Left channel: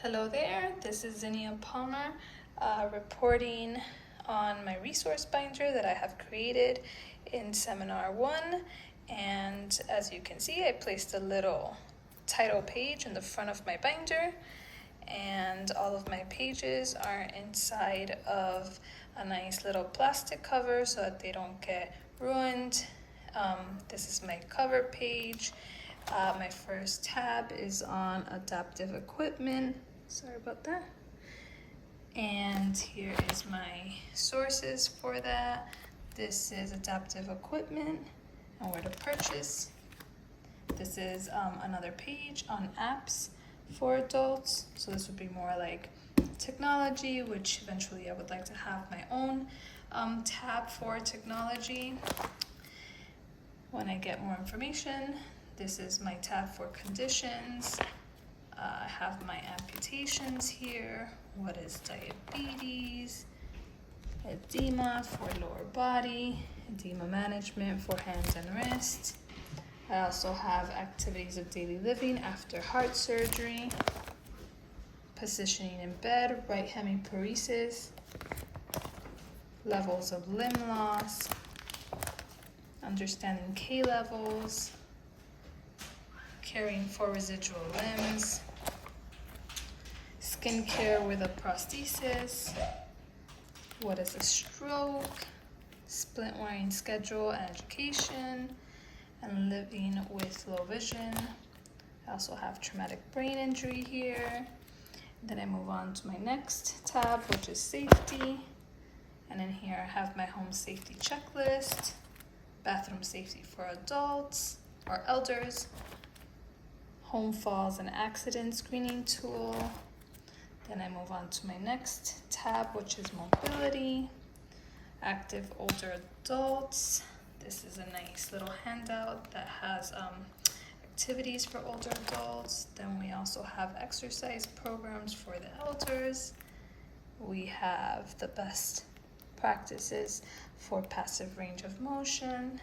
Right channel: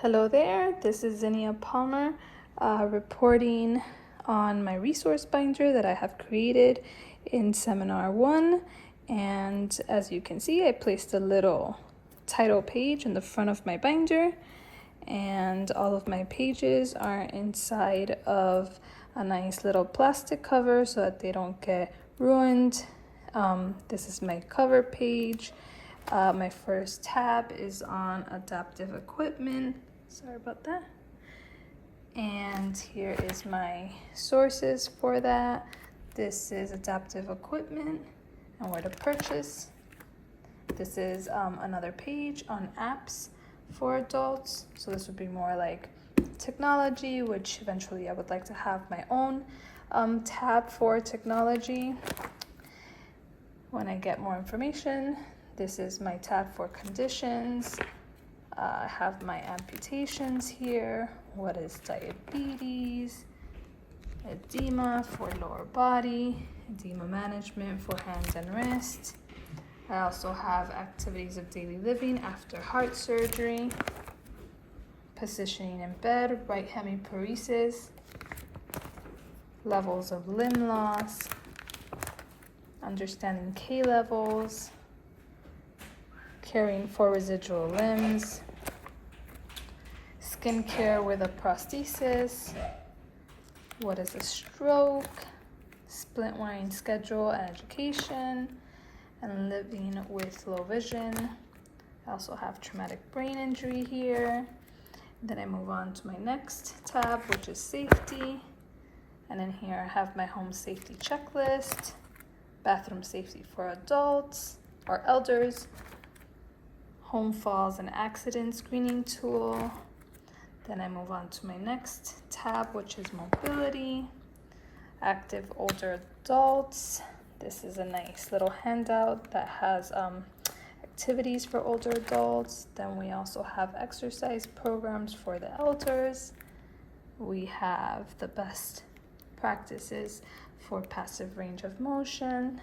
Hello there, this is Zinnia Palmer reporting on my resource binder that I have created in Seminar 1. And as you can see, I placed a little title page in the front of my binder, and all of my pages are inside of a nice little plastic cover so that they don't get ruined. This is my cover page. My first tab is on adaptive equipment. Sorry about that. And here is my sources for that. This is adaptive equipment and where to purchase. This is another page on apps for adults. So this would be more like technology, which eventually I would like to have my own tab for technology when I get more information. This is my tab for conditions. I have my amputations here. What is diabetes? Edema for lower body. Edema management for hands and wrists. I also have activities of daily living after heart surgery. Positioning in bed, right hemiparesis. Levels of limb loss. Understanding K levels. Caring for residual limbs. Skincare with a prosthesis. What is a stroke? Splint wearing schedule and education. And living with low vision. I also have traumatic brain injury here. Then I move on to my next tab, which is safety. And in here I have my home safety checklist, bathroom safety for adults or elders, home falls and accident screening tool. Then I move on to my next tab, which is mobility, active older adults. This is a nice little handout that has activities for older adults. Then we also have exercise programs for the elders. We have the best practices for passive range of motion,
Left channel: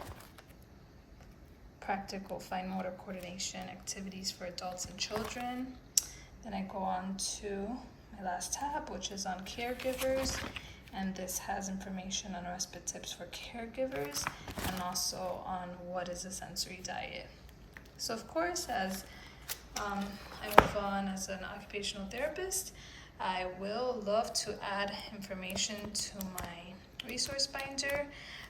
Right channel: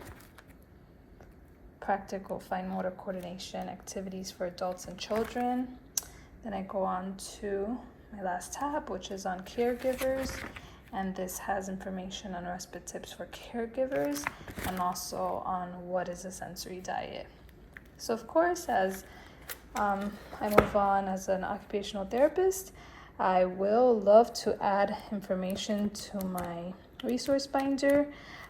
practical fine motor coordination activities for adults and children. Then I go on to my last tab, which is on caregivers. And this has information on respite tips for caregivers and also on what is a sensory diet. So of course, as I move on as an occupational therapist, I will love to add information to my resource binder.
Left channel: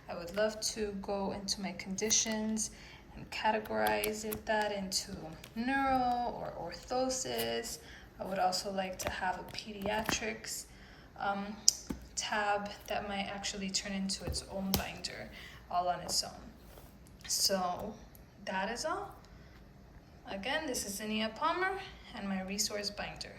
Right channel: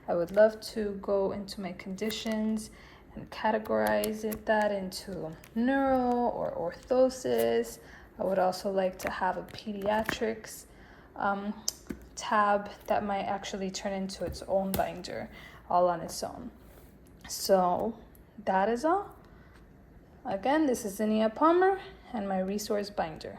I would love to go into my conditions and categorize that into neuro or orthosis. I would also like to have a pediatrics tab that might actually turn into its own binder all on its own. So that is all. Again, this is Zinnia Palmer and my resource binder.